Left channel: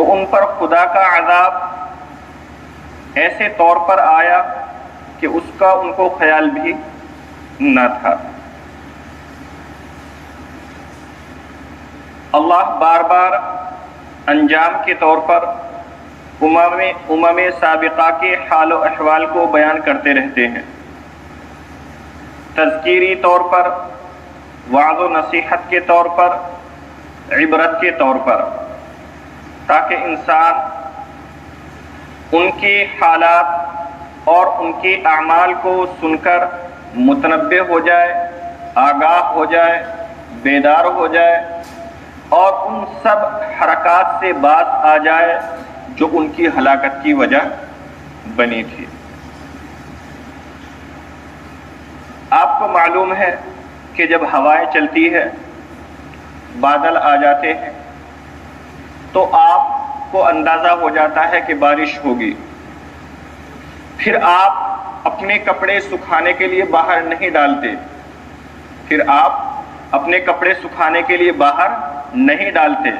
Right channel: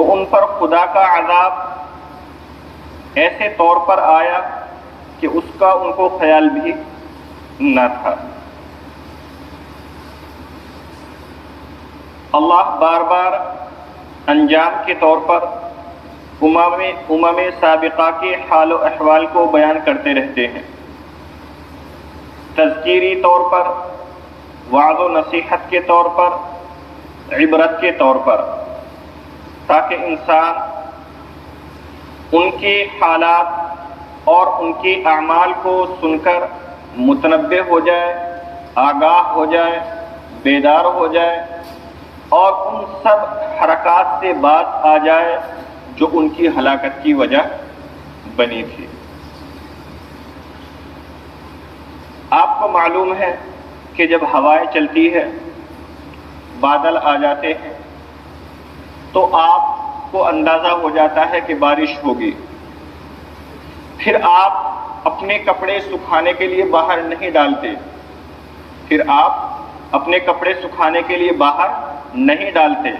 تو ان پر خدا کا عذاب ایسے طور پر آیا کہ اس کا ان کو خیال بھی نہ تھا۔ اللہ بار بار انجام کے طور پر امم سابقہ کے حال و احوال کو بیان کرتے رہتے ہیں، تذکیری طور پر، وعظ و نصیحت کے طور پر، عبرت کے طور پر، تاکہ انسان ان کے حالات اور ان کے اعمال کو سن کر متنبہ ہو جائے، آگاہ ہو جائے، بیدار ہو جائے اور ان سب حرکات سے باز آ جائے جو ان کی ہلاکت کی وجہ بنی تھی۔ آپ کو معلوم ہے کہ جب ہوائیں چلتی ہے، بادل آ جاتے ہیں، تو آپ کو اندازہ ہو جاتا ہے کہ بارش ہوگی۔ پھر آپ اپنے کپڑے سکھانے کے لیے باہر نہیں ڈالتے،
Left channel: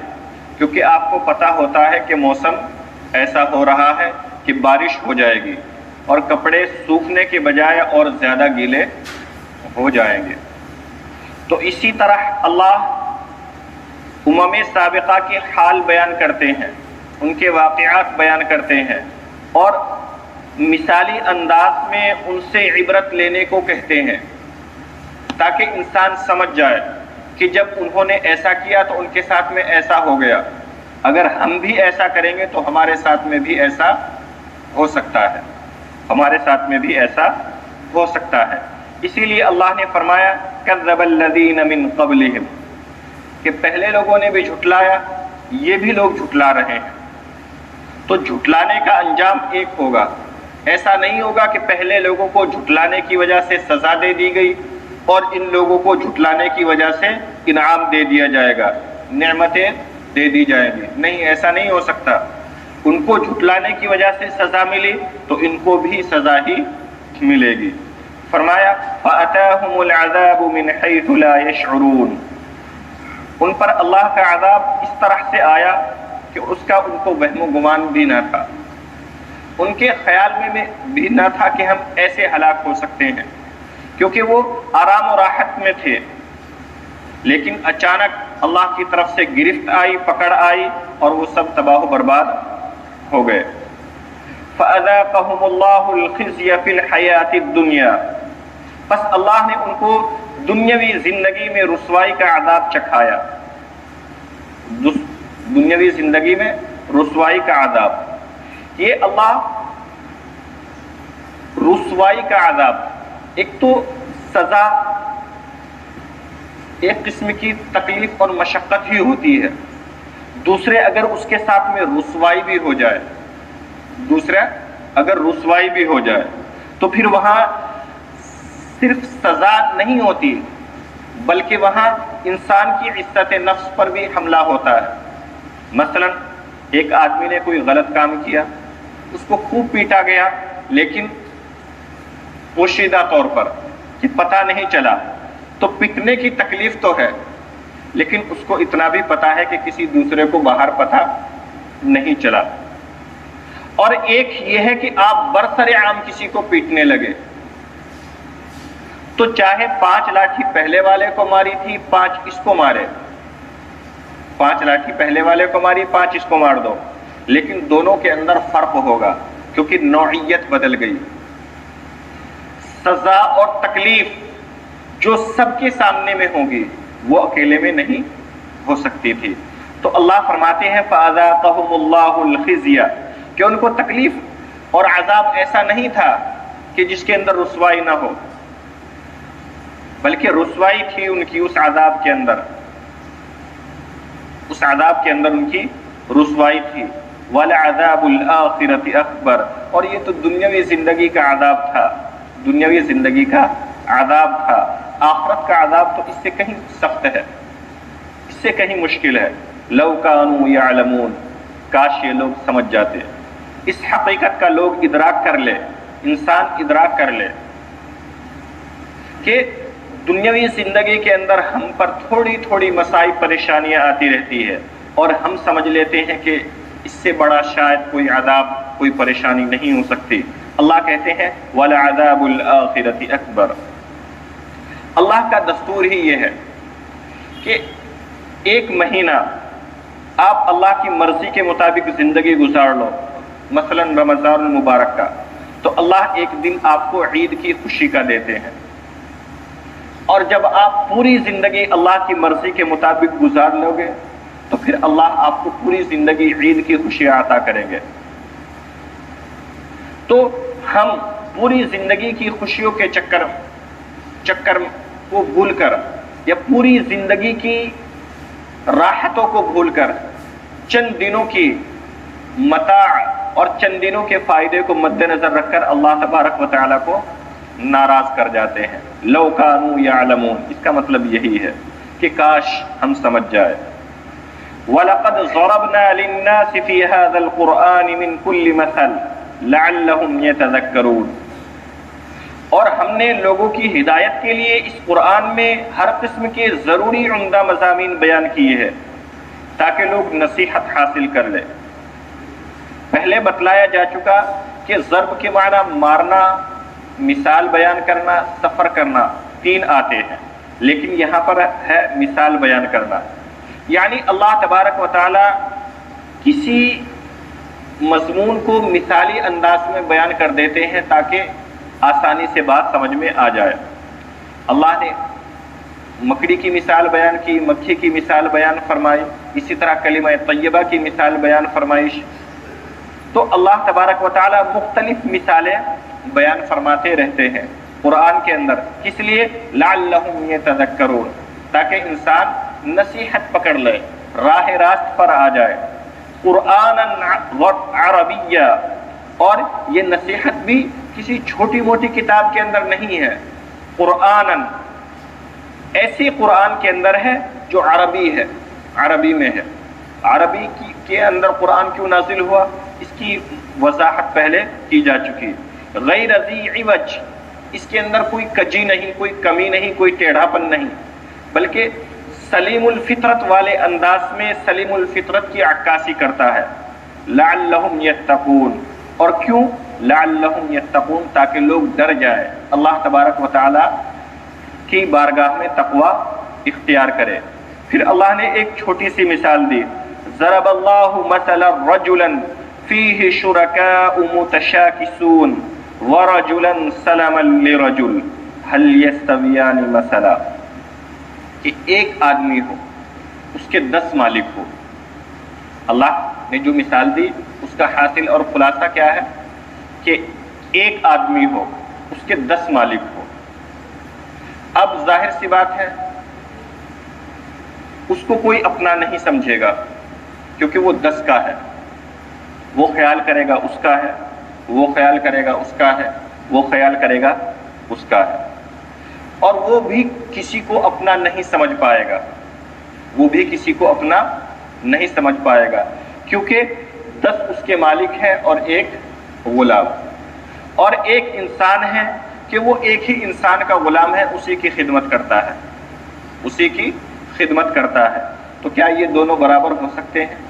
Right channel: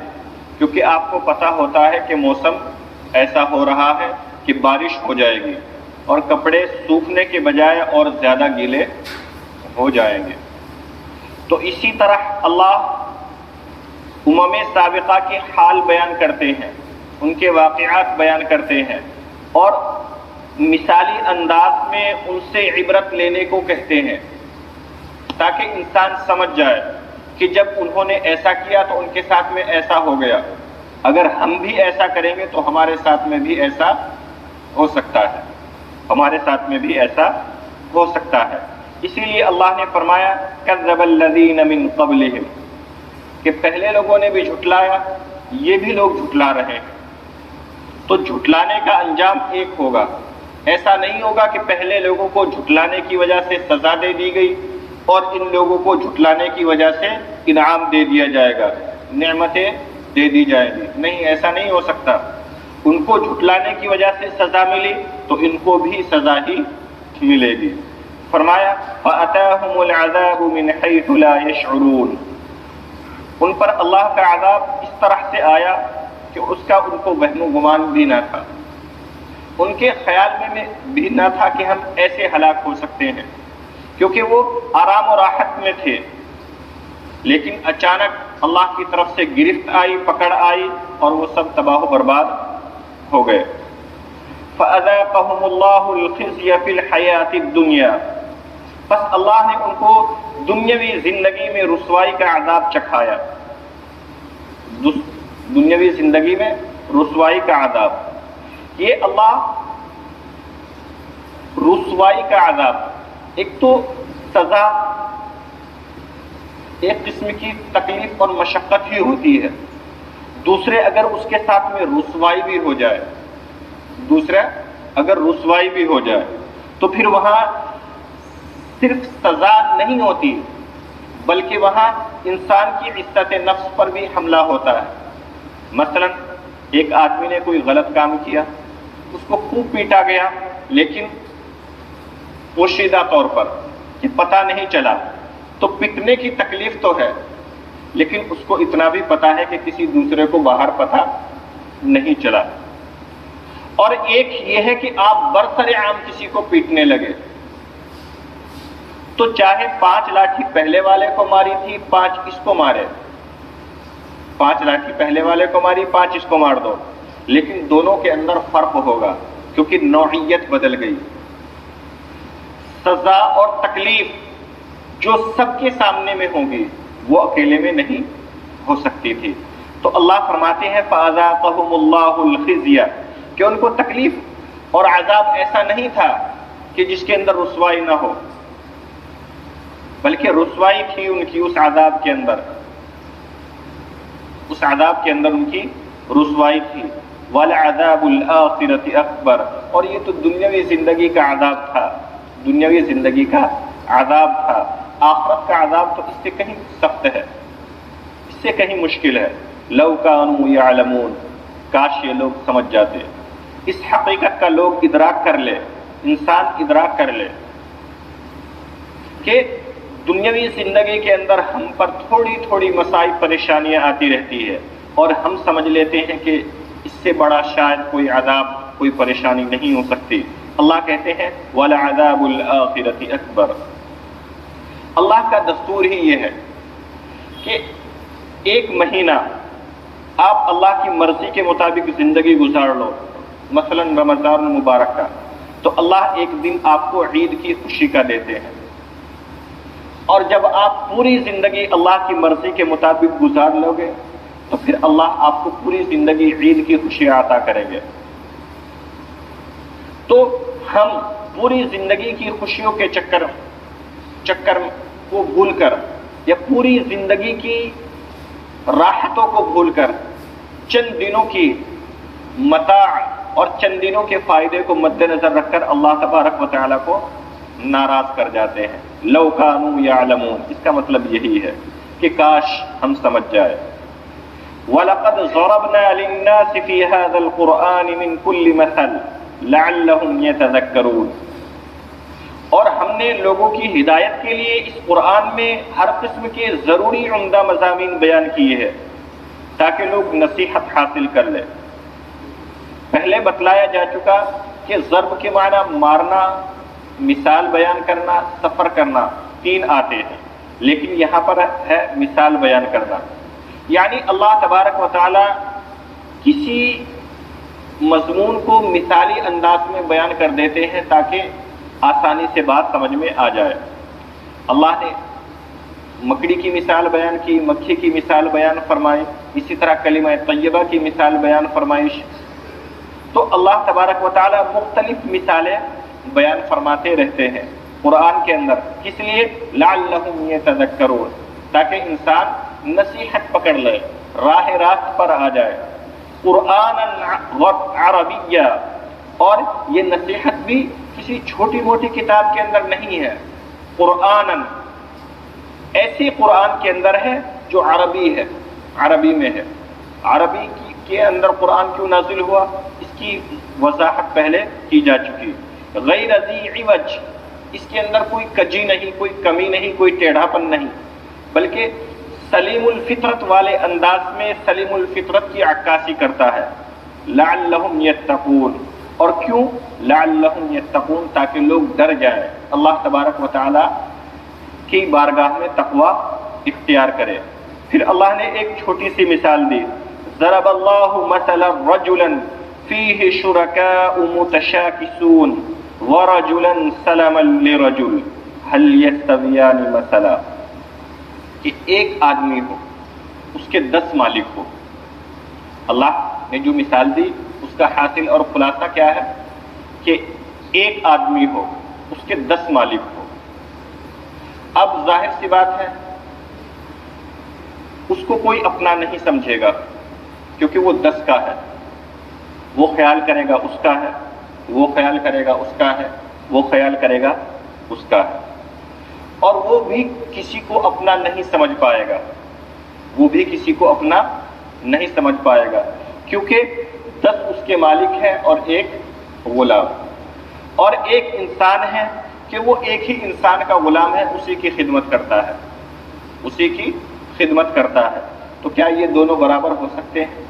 کیونکہ آپ کو پتہ ہوتا ہے کہ موسم ایسا ہو رہا ہے کہ بارش ہو جائے گی اور کپڑے سوکھنے کے بجائے اور زیادہ گیلے ہو جائیں گے۔ تو اسی طرح اللہ امم سابقہ کے حال بیان کرتے ہیں، ان کے واقعات بیان کرتے ہیں اور مثالی انداز میں ان سے عبرت لینے کو کہتے ہیں، تاکہ انسان سمجھ جائے کہ جب انہوں نے ایسا کیا تو ان کے ساتھ میں ایسا ہو گیا، اگر ہم بھی ایسا کریں گے تو ہمارے ساتھ میں بھی ایسا ہو سکتا ہے، اسی لیے اللہ نے فرمایا کذب الذین من قبلہم، کہ پہلے لوگوں نے بھی جھٹلایا، یہ بھی لوگ جھٹلا رہے ہیں۔ تو جھٹلانے کا انجام ایک ہوگا، ایسا نہیں ہوگا کہ پہلے لوگوں کو جھٹلانے کی وجہ سے سزا دے دی گئی اور ان لوگوں کو جھٹلانے کی وجہ سے انعام دے دیا جائے گا، نعمتیں دے دی جائیں گی، نہیں، ایسا نہیں ہو سکتا۔ ان کو جھٹلانے کی وجہ سے سزا ملی تو ان کو بھی سزا ہی ملے گی۔ فرمایا فَأَتَاهُمُ الْعَذَابُ مِنْ حَيْثُ لَا يَشْعُرُونَ، ان پر اللہ کا عذاب اس طرح سے آیا کہ اس کا ان کو وہم و گمان بھی نہ تھا، ان کے خیال میں بھی نہ تھا کہ ہم ایسے ہلاک ہو سکتے ہیں، کیونکہ وہ آرام و راحت میں تھے، لیکن اچانک اللہ کی طرف سے گرفت آئی، پکڑ آئی اور وہ سب تباہ و برباد ہو گئے۔ فَأَذَاقَهُمُ اللَّهُ الْخِزْيَ فِي الْحَيَاةِ الدُّنْيَا، بس اللہ نے ان کو دنیاوی زندگی میں رسوائی کا عذاب چکھایا، دنیاوی زندگی میں رسوائی کا عذاب۔ یہ اللہ رسوائی کا عذاب، ایک تو سزا ایک قسم کی تکلیف اور مشقت ہی ہوتی ہے، دوسرے اگر اس کے ساتھ میں رسوائی بھی ہو جائے تو پھر وہاں صرف سزا نہیں ہوتی بلکہ وہاں انسان کی عزت نفس پر بھی حملہ ہوتا ہے۔ مثلا ایک آدمی نے کوئی غلط کام کیا، اس کو خوب پیٹا گیا، لیکن پوشیدہ طور پر کہ پتہ نہیں چلا، تو پٹنے کی تکلیف تو ہے، لیکن اس کو اتنا بھی پتہ ہے کہ کسی دوسرے کو باہر پتہ نہیں چلا۔ اور ایک یہ ہے کہ آپ برسر عام کسی کو پیٹنے لگے، تو چاہے 5 لاٹھی پہلے والے کو ماری تھی، 5 اس کو مارے، 5 لاٹھی پہلے والے کو ماری، 5 اس کو مار دو، لیکن دونوں کے اندر فرق ہوگا کیونکہ نوعیت بدل گئی۔ سزا اور تکلیف جو سب کے سامنے میں ہوگی وہ اکیلے میں نہیں ہو سکتی تھی۔ تو اللہ فرماتے ہیں فَأَذَاقَهُمُ اللَّهُ الْخِزْيَ، کہ ان کو تکلیف اور عذاب ایسا نہیں تھا کہ جس کے اندر رسوائی نہ ہو، بلکہ رسوائی تھی ان کی اس عذاب کے اندر، ان کی رسوائی تھی۔ وَلَعَذَابُ الْآخِرَةِ أَكْبَرُ، اور یہ تو دنیاوی زندگی کا عذاب تھا، آخرت کا عذاب تو اس سے کہیں سخت ہے، اس سے کہیں مشکل ہے۔ لَوْ كَانُوا يَعْلَمُونَ، کاش یہ لوگ سمجھ جاتے، اس حقیقت کا لوگ ادراک کر لے، انسان ادراک کر لے کہ دنیاوی زندگی کے اندر ہم پر تھوڑی تھوڑی مسائل پریشانیاں آتی رہتی ہے اور ہم سمجھ لیتے ہیں کہ اس سے بڑا شاید کوئی عذاب، کوئی پریشانی نہیں ہو سکتی۔ اللہ کہتے ہیں وَلَعَذَابُ الْآخِرَةِ أَكْبَرُ۔ اللہ کا دستور ہی یہ ہے کہ ایک مہینہ آپ اللہ کی مرضی کے مطابق زندگی گزار لو، مثلا رمضان المبارک کا، تو اللہ ایک دن آپ کو عید کی خوشی کا دیتے ہیں، اور جب آپ پوری زندگی اللہ کی مرضی کے مطابق گزار لو گے تو پھر اللہ آپ کو پوری زندگی عید کی خوشیاں عطا کریں گے۔ تو ہم پوری زندگی کی خوشیوں کے چکر کو بھول کر، یا پوری زندگی کی راحتوں کو بھول کر، چند دنوں کی متاع اور چند دنوں کے فائدے کو مد نظر رکھ کر اللہ تبارک و تعالیٰ کو ناراض کر جاتے ہیں۔ لو کانوا یعلمون، اس کا مطلب یہی ہے کہ کاش ہم سمجھ جائے۔ وَلَقَدْ ضَرَبْنَا لِلنَّاسِ فِي هَذَا الْقُرْآنِ مِنْ كُلِّ مَثَلٍ لَعَلَّهُمْ يَتَذَكَّرُونَ، اور ہم نے لوگوں کی ہدایت کے لیے اس قرآن میں ہر قسم کے ضروری عمدہ مضامین بیان کیے ہیں تاکہ لوگ نصیحت حاصل کر لیں۔ پہلے بتلایا جا چکا کہ ضرب کے معنی مارنا، مثال بیان کرنا، سفر کرنا، 3 آتے ہیں، لیکن یہاں پر ہے مثال بیان کرنا، یعنی اللہ تبارک و تعالی کسی مضمون کو مثالی انداز میں بیان کر دیتے ہیں تاکہ آسانی سے بات سمجھ میں آ جائے۔ اللہ نے مکڑی کی مثال بیان کی، مکھی کی مثال بیان فرمائی، اسی طرح کلمہ طیبہ کی مثال بیان فرمائش۔ تو اللہ تبارک و تعالی مختلف مثالیں بیان فرماتے رہتے ہیں قرآن کے اندر، کس لیے؟ لعلہم یتذکرون، تاکہ انسان نصیحت پکڑ لے، راہ راست پر آ جائے۔ قرآناً عربیہ، اور یہ نصیحت بھی کسی چھوٹی موٹی کتاب کے اندر نہیں ہے، قرآناً ایسی قرآن کے اندر ہے جو عربی ہے، عربی میں ہے۔ عربی کے اندر قرآن کیوں نازل ہوا، اس کی وضاحت پہلے کی جا چکی۔ غیر ذی عوج، اس کے اندر کوئی کجی نہیں، کوئی کمی نہیں، کوئی ٹیڑھا پن نہیں، بلکہ سلیم الفطرت والے انداز میں سلیم الفطرت کی عکاسی کرتا ہے۔ لعلہم یتقون، اور کیوں؟ لعلہم یتقون، تاکہ لوگ ڈر جائیں، اللہ تبارک و تعالی کی بارگاہ میں تقوی اختیار کرے۔ پھر اللہ نے ایک چھوٹی سی مثال دی، ضرب اللہ مثلا رجلا فیہ شرکاء متشاکسون ورجلا سلما لرجل هل یستویان مثلا، کہ ایک آدمی ہو، اس کے 10 مالک ہو۔ اللہ نے جو مثال دی اس کا حاصل اور خلاصہ کیا ہے کہ ایک آدمی ہو، اس کے 10 مالک ہو۔ اب ظاہر سی بات ہے اس کو کوئی اپنا نہیں سمجھے گا، کیونکہ وہ 10 کا ہے، وہ خیال کرے گا اس کا ہے، وہ خیال کرے گا اس کا ہے، وہ خیال کرے گا اس کا ہے، اور وہ بھی کسی کو اپنا نہیں سمجھ پائے گا، وہ بھی کسی کو اپنا نہیں سمجھ پائے گا، کیونکہ 10 اس کے مالک ہیں اور ایک غلام، اور ایک انسان ہے کہ وہ ایک ہی انسان کا غلام ہے، اسی کی خدمت کرتا ہے، اسی کی خدمت کرتا ہے۔ تو کیا یہ دونوں برابر ہو سکتے ہیں؟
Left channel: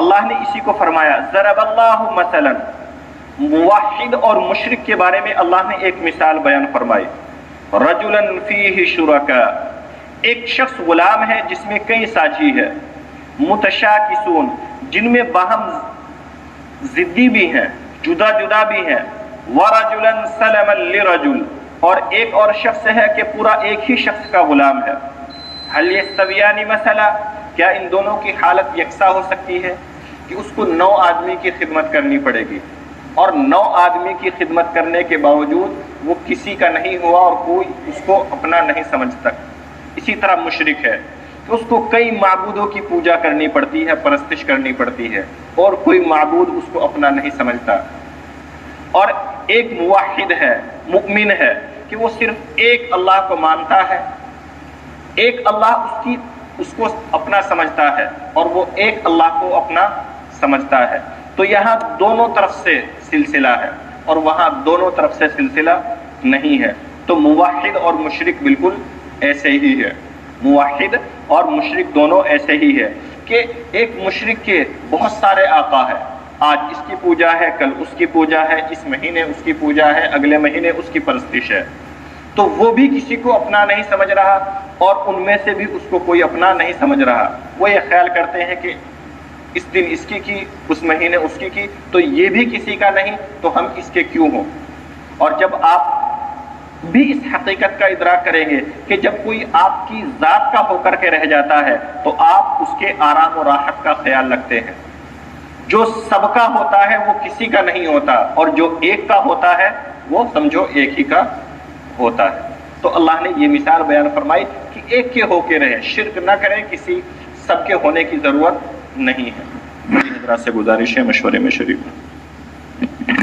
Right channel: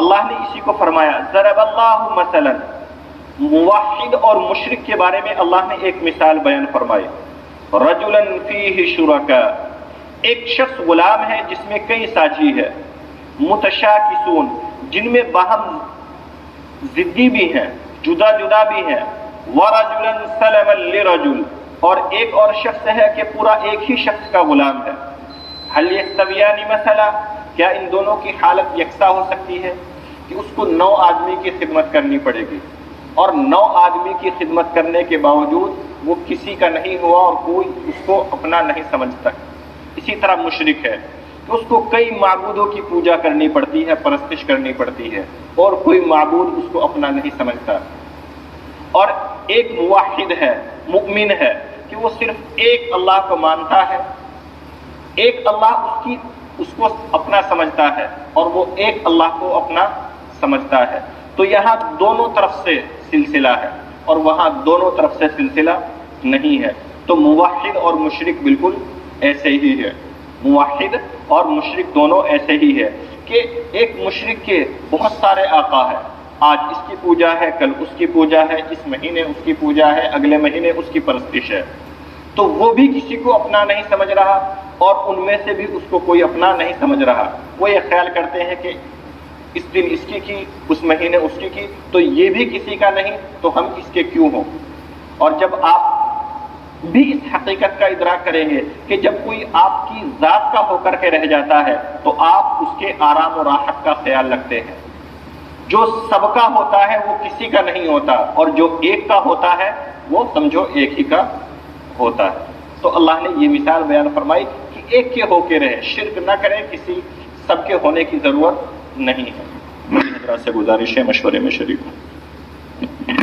اللہ نے اسی کو فرمایا، ضرب اللہ مثلا، موحد اور مشرک کے بارے میں اللہ نے ایک مثال بیان فرمائی، رجلا فیہ شرکاء، ایک شخص غلام ہے جس میں کئی ساجی ہے، متشاکسون، جن میں باہم ضدی بھی ہیں، جدا جدا بھی ہیں، ورجلا سلما لرجل، اور ایک اور شخص ہے کہ پورا ایک ہی شخص کا غلام ہے۔ هل یستویان مثلا، کیا ان دونوں کی حالت یکساں ہو سکتی ہے کہ اس کو 9 آدمی کی خدمت کرنی پڑے گی، اور 9 آدمی کی خدمت کرنے کے باوجود وہ کسی کا نہیں ہوا اور کوئی اس کو اپنا نہیں سمجھتا۔ اسی طرح مشرک ہے کہ اس کو کئی معبودوں کی پوجا کرنی پڑتی ہے، پرستش کرنی پڑتی ہے، اور کوئی معبود اس کو اپنا نہیں سمجھتا۔ اور ایک موحد ہے، مؤمن ہے کہ وہ صرف ایک اللہ کو مانتا ہے، ایک اللہ اس کو اپنا سمجھتا ہے، اور وہ ایک اللہ کو اپنا سمجھتا ہے۔ تو یہاں دونوں طرف سے سلسلہ ہے اور وہاں دونوں طرف سے سلسلہ نہیں ہے۔ تو موحد اور مشرک بالکل ایسے ہی ہے، موحد اور مشرک دونوں ایسے ہی ہے کہ ایک مشرک کے بہت سارے آقا ہیں، آج اس کی پوجا ہے، کل اس کی پوجا ہے، اس مہینے اس کی پوجا ہے، اگلے مہینے اس کی پرستش ہے، تو وہ بھی کسی کو اپنا نہیں سمجھ رہا اور ان میں سے بھی اس کو کوئی اپنا نہیں سمجھ رہا۔ وہ یہ خیال کرتے ہیں کہ اس دن اس کی اس مہینے اس کی تو یہ بھی کسی کا نہیں تو ہم اس کے کیوں ہوں۔ اور جب آپ بھی اس حقیقت کا ادراک کریں گے کہ جب کوئی آپ کی ذات کا ہو کر کے رہ جاتا ہے تو آپ اس کے آرام و راحت کا خیال رکھتے ہیں۔ جو سب کا ہوتا ہے وہ کسی کا نہیں ہوتا، اور جو ایک کا ہوتا ہے وہ سمجھو ایک ہی کا ہوتا ہے۔ تو اللہ نے یہ مثال بیان فرمائی کہ ایک کے ہو کے رہے، شرک نہ کریں، کسی سب کے ہونے کی ضرورت نہیں ہے۔ حضرات سے گزارش ہے مشورے میں شریک ہوں۔